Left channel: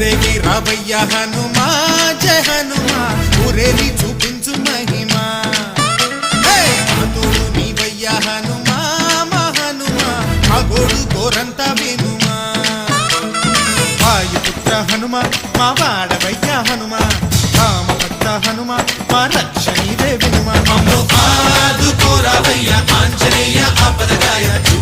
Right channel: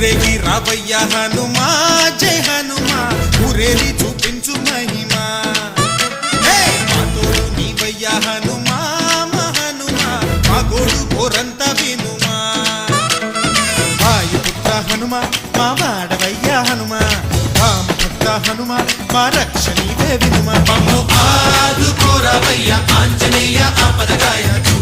ఊరేగి రావయ్య హనుమా జయ హనుమా ఊరేగి చూపించు మహిమా తోడు నీవయ్య హనుమా మా హనుమా మా గోడు కోరంత వినుమా వాయుపుత్ర హనుమా మా వాడవయ్య హనుమా రామభక్త హనుమా మా రక్ష ఇదే వినుమా ఆదుకోరావయ్య ఆంజనేయ ఆపదగాయ